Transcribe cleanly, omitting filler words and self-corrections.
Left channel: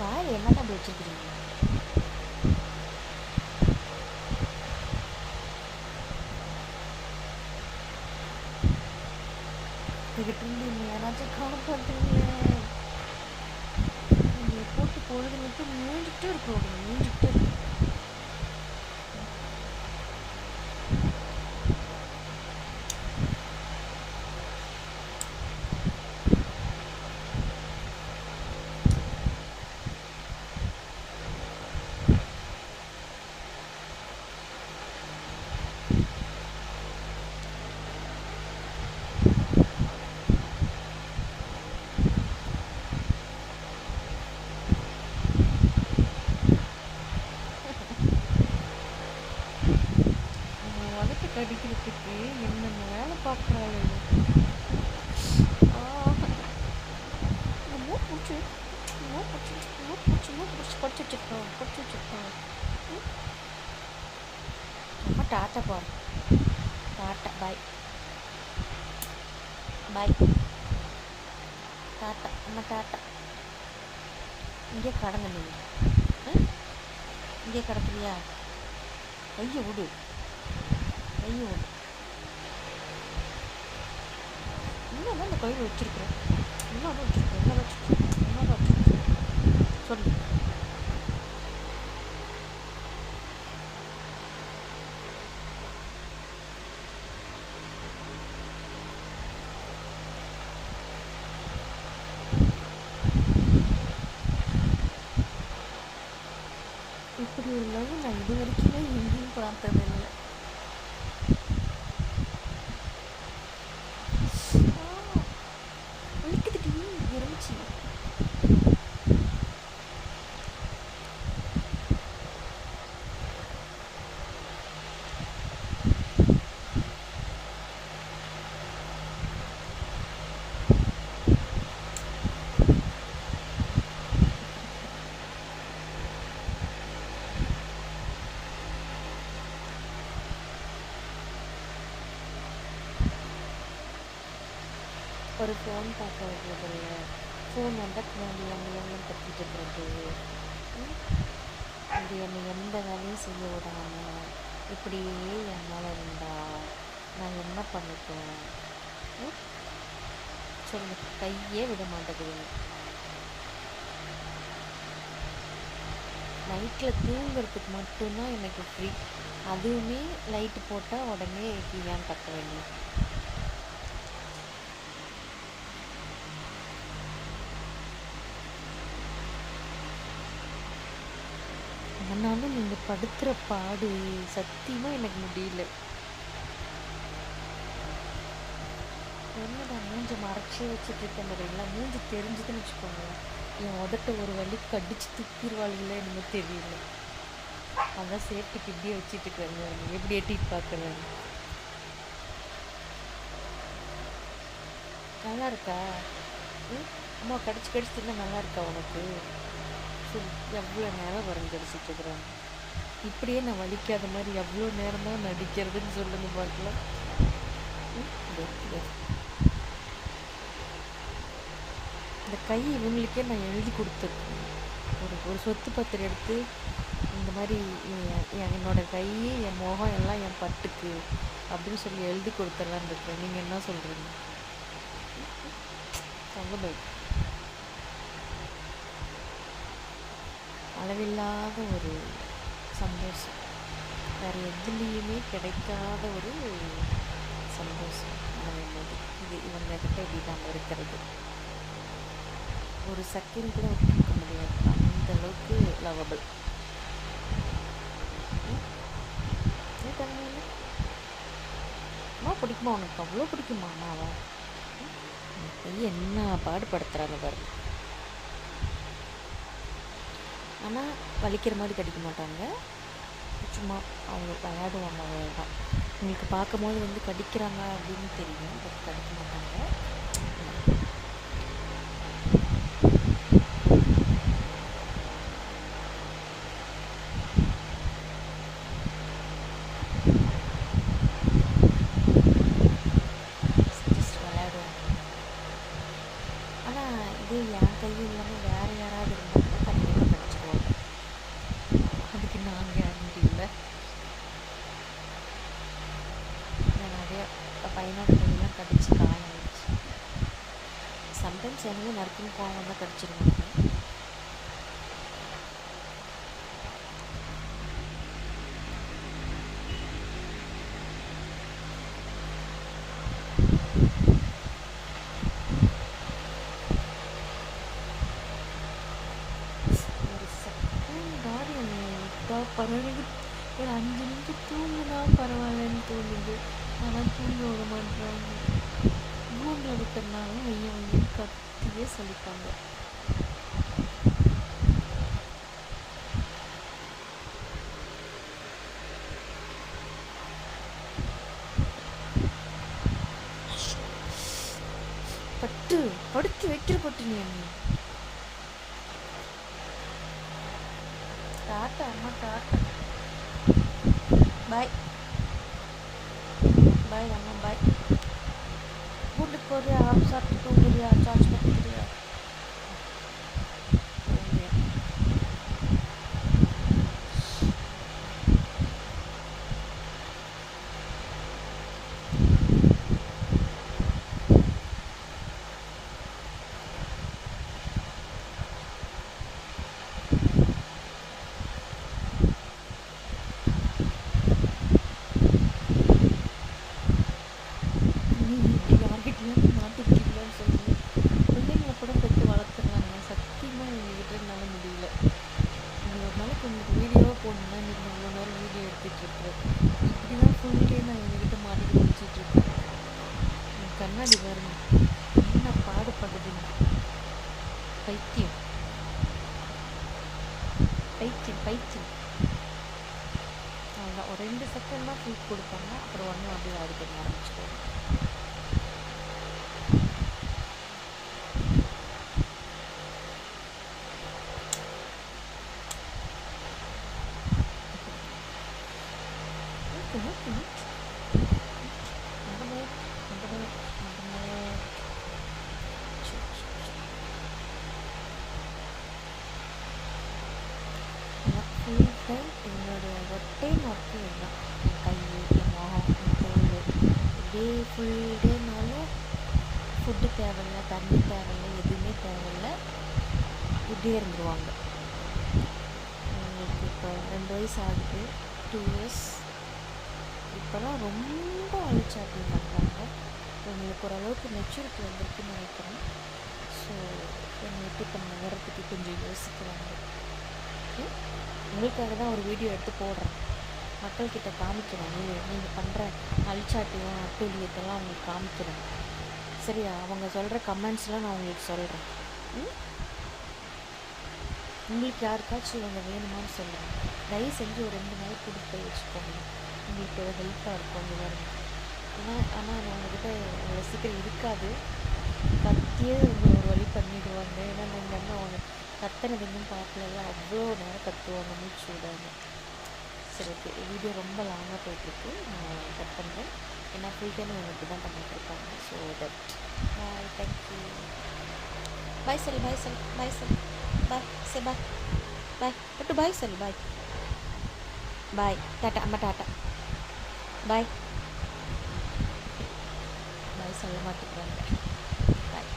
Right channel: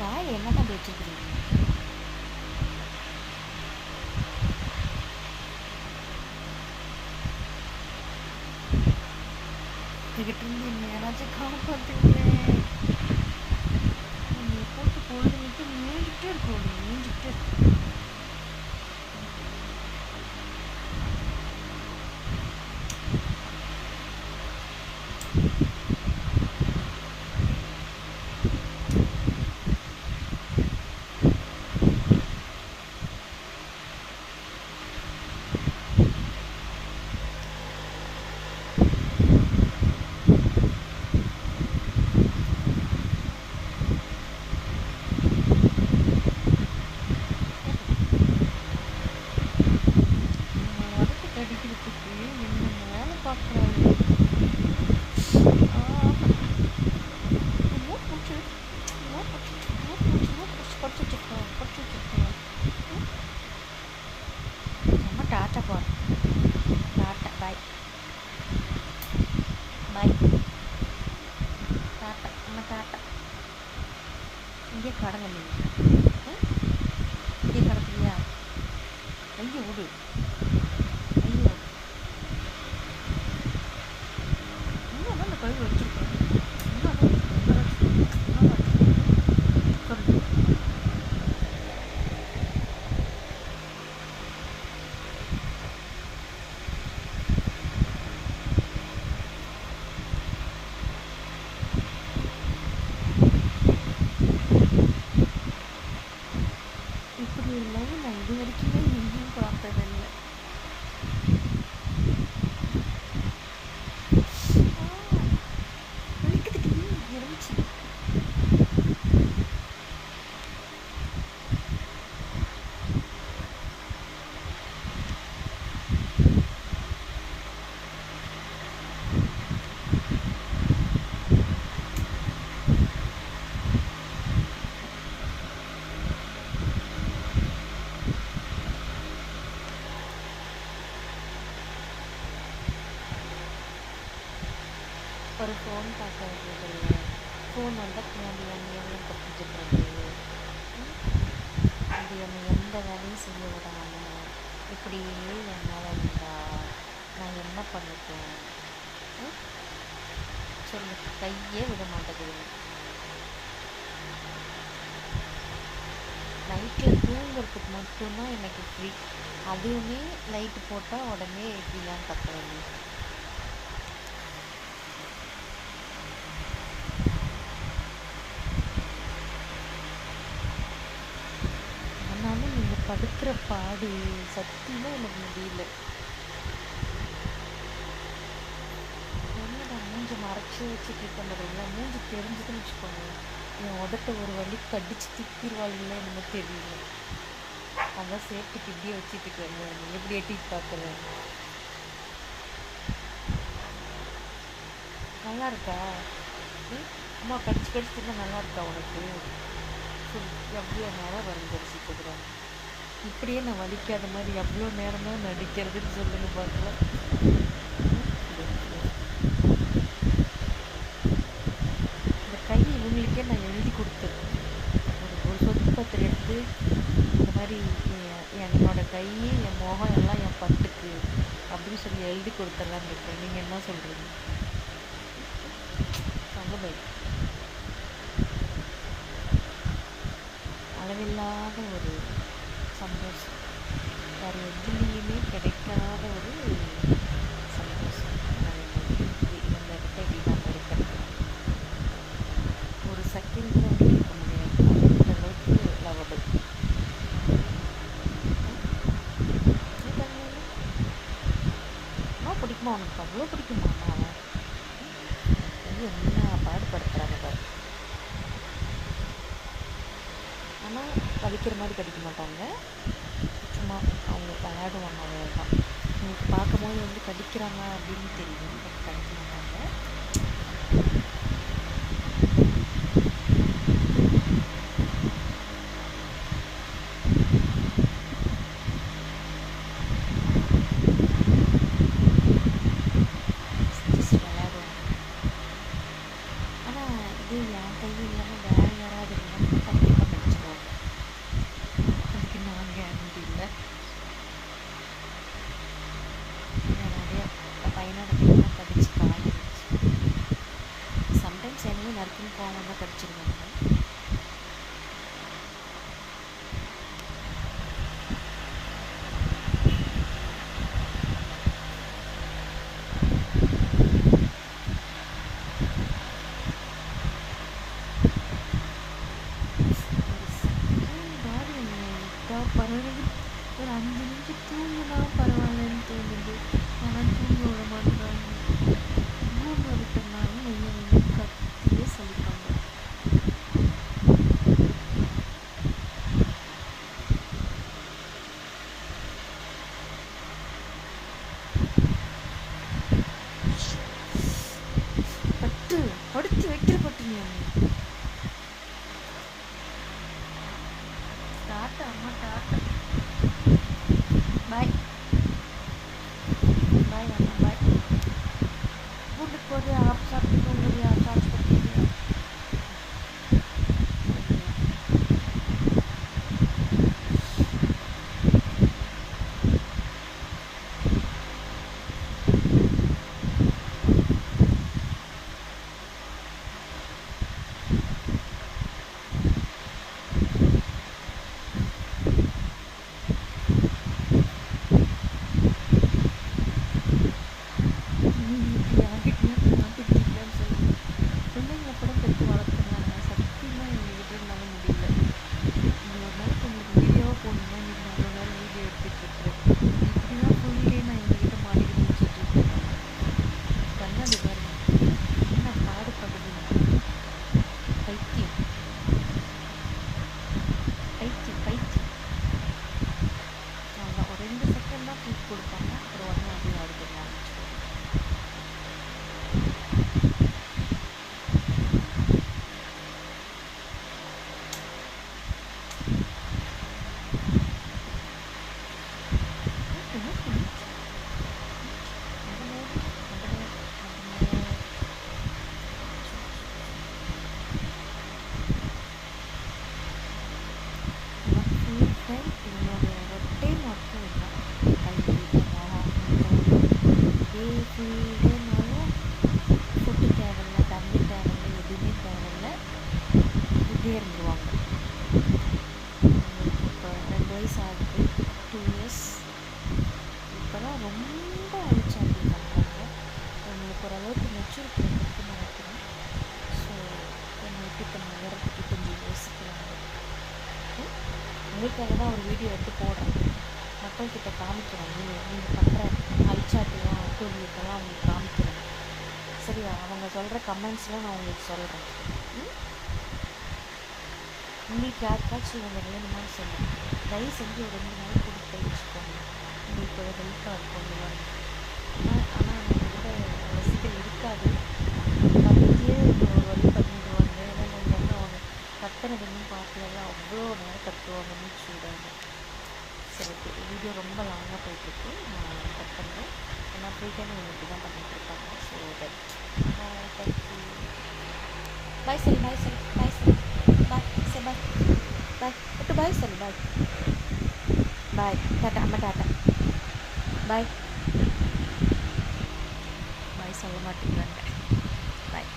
வாய் என்னதான் அப்படி வச்சுருக்கிறீங்க? கிட்ட இருந்து இன்னும் யாராச்சும் காப்பாற்றுங்களேன். என்னை போட்டு பொழுதுங்கிட்டு மேய்ஞ்சிட்டே இருக்கோம், மேய்ஞ்சிட்டே இருக்கு. உதட்டு கடிக்கிறதுக்கு என்னென்ன வேலை பார்க்குறாரு. மூட் பிடிச்சி படிச்சு வச்சுருக்கோம். நம்ம டாட்டா போகிறோம். டாட்டா பாய் பாய். டாட்டா நம்ம டாட்டா. இங்கே கடங்க நீங்கள். இங்கே கிடக்குறியா? கையை விடு, கையை விடு. இன்னும் அந்த கையில் வச்சுருக்கேன். இன்னும் சொல்லு. இப்படி ஒரு லவ் நான் இது வரைக்குமே எங்கேயும் பார்த்ததில்லை. வலிக்குதுடி இருந்துச்சு. ஒரு ஃபோன் பார்க்க வைக்கிறதில்ல, ஃபோன் வந்தால் பின்னாடி எல்லாம் கட்டிட்டு இருக்கிறது. இது என்னை எந்த வேலையும் செய்ய விடாமல் இப்படியே என்னால் இருந்தால் நான் என்ன பண்ணிட்டேன்? சொல்லு. கையே விட மாட்டேங்குது. நைட்டில் தூங்குறதுக்கு மட்டும்தான் எனக்கு ஃப்ரீ. அதுவுமே லைட்டு போட்டால் உடனே ஃப்ரீயான்னு கத்துறேன். ஆனாலும் நீங்கள் படுத்துகிற பாடு சத்தியமாக எனக்கு முடியல. என்னடா மூஞ்சை மறைச்சி வச்சுட்டு இருக்க மாதிரிங்களா? மூஞ்சி தெரிஞ்சுதுன்னு வச்சுக்கோங்க, என் உதட்ட ஒரு வழி கடிச்சு திப்பிடுவாளுங்களே என்னமோ தெரியல. அதான் சேஃப்டிக்கு இப்படியே வச்சுட்டு இருக்கிறேன். எப்படி எட்டிட்டு பார்க்குறேன். நல்லா இருக்கா? அம்மா கடிச்சு கடிச்சு இருந்தால் நல்லா இருக்கா உனக்கு? சரி, எவ்வளோ நேரம் வரைஞ்சிருச்சுட்டு இருக்கிறேன். இப்படியே நான் வலிக்காத மாதிரி எவ்வளோ நேரம் தான் நடிக்கிறதுன்னு சொல்லுங்க பார்க்கலாம். இந்த கை இவங்களுக்கே நான் எழுதி கொடுத்துருக்கேன். ஒரு சொத்து பத்திரம் எடுத்து இந்த மாதிரி என்னோட கை, என் முகம் எல்லாம் என் பட்டுக்கு அப்படின்னு சொல்லி எழுதி கொடுத்துடலான்னு இருக்கிறேன். நீங்கள் என்ன சொல்கிறீங்க? சொல்ல பை. அளவில்லாத ஒரு சந்தோஷம், வேறு எதுலேயுமே கிடைக்காத ஒரு சந்தோஷம். இது இவங்ககிட்ட இப்படிதான் இருக்கிறது. ஒரு செகண்ட் கூட வந்து இருக்க முடியாது. அந்த அளவுக்கு லவபிள். அம்மா பிடிக்குமா உனக்கு? அவ்வளோ பிடிக்குமா அம்மாவை? என்ன பாடுபடுத்துகிறாங்க பாரு. ஆனால் வலிக்கிற மாதிரி கடிக்க மாட்டாங்க, சும்மா அவங்க விளையாடுவாங்க, அவ்வளோதான். உங்களுக்கு பார்க்கும்போது வந்து கடிக்கிறாங்க அப்படின்னு தெரியும், பட் கடிக்க மாட்டாங்க. பையனோட கையெல்லாம் கடிச்சு காயாச்சு. சம்டைம்ஸ் என்னையே நறுக்குன்னு கோவம் தான் கடிச்சிருவாங்க. பரவாயில்ல, ஒரு 5 நிமிஷம் தூங்கினா பரவாயில்லன்னு தோணுது. ஆனால் தூங்க விட மாட்டாங்க. தூங்க விட்டோம்னாலும் ஐயோ கத்தியே சலிப்பாங்க. பட்டு படுத்து வைக்கிற பட்டு நீ டாட்டா அம்மா டாட்டா. பாய் பாய் அம்மா பாய். வீட்டுக்கு போறியா? ஆப் சாப்பிட்டு தூங்குறியா? சார்ஜ் பண்ணிக்கிறியா? போடணுன்னா இன்றைக்கி அவ்வளோ நேரம் வீடியோ எடுத்துகிட்ருக்குறேன். இப்படி தான் ஃபுல் டே நான் எங்ககிட்ட மாட்டிக்கிட்டு முடிச்சிட்ருக்கேன். கண்ணாடி வேறு என்ன பாடுபடுதுங்க. பைத்தியம் பைத்தியம் பைத்தியம். அவ்வளோ ஒரு 2 செகண்ட் தான் ஃபுல் கொடுப்பாங்க. அப்புறம் ஒன்றும் அப்படியே ஆடு பண்ண ஆரம்பிச்சிடுவாங்க. என்னுடைய ரொட்டீன் ஒர்க்கு இதுதான். கை முகம் இதே ஃபுல் டேனாலும் ஃபுட்டு தேவையில்ல, தண்ணி தேவையில்ல, எதுவுமே தேவையில்ல, இதே இருந்துருவாங்க. உங்களுக்கு இப்போ 2 வயசு ஆகுது, 2 இயர்ஸ். இப்போ தான் ரொம்ப ஐச்சாட்டிங் பண்ணுறாங்க. உங்களுக்கு ஓரளவுக்கு மெச்சூரிட்டி வந்துருக்குன்னு நினைக்கிறேன். ஸோ என்னை விட்டு இப்போ நகரத்துக்கு கொஞ்சம் யோசிக்கிறாங்க. உங்களுக்காக தான் ஒரு வீடியோ எடுத்து போடுறேன். மக்கள்கிட்ட காமிக்கிறேன். நீங்கள் பண்ணுற அல்சாட்டையும் அட்டூழியத்தெல்லாம் அவங்களுக்கு காமிக்கிறேன். சரியா? அவங்க சொல்கிற கமெண்ட்ஸ்லாம் நான் உங்களுக்கு சொல்கிறேன். உங்களுக்கு யாருக்காச்சும் இவங்க வேணுமான்னு சொல்லுங்கள். தயவு செஞ்சு ஒரு 2 நாள் கொடுத்து வச்சுக்கோங்க. உங்களுக்கு ஒரு ஹெல்ப்பாக இருக்கும். ஆனால் நம்மக்கிட்ட ரசிகர் இருக்காது. கத்தியே இது ஒரு வழி பண்ணிடுவாங்க. ஏன்னா நம்ம வந்து அவங்க கத்தனை இன்னும் பார்க்கல. அவ்வளோ நேரம் கத்துவாங்க மூச்சு விடாங்க. சரி, ஓகே. வீடியோ ரொம்ப லாங்காக போயிட்டுருக்கு. நான் கட் பண்ணுறேன். ஏன்னா ஃபுல் டைம் அவங்க இப்படி தான் பண்ணிகிட்ருக்காங்க. So that boy. தேங்க்யூ. பாய் சரி, பாய் சரி, பாய் சரி, பாய் சரி, பாய் பாய் பட்டு பாய் சரி, பாய் பாய். டாட்டா அம்மா டாட்டா. பாய் பாய் சொல்ல மாட்டேங்கிறாங்க. பாய்.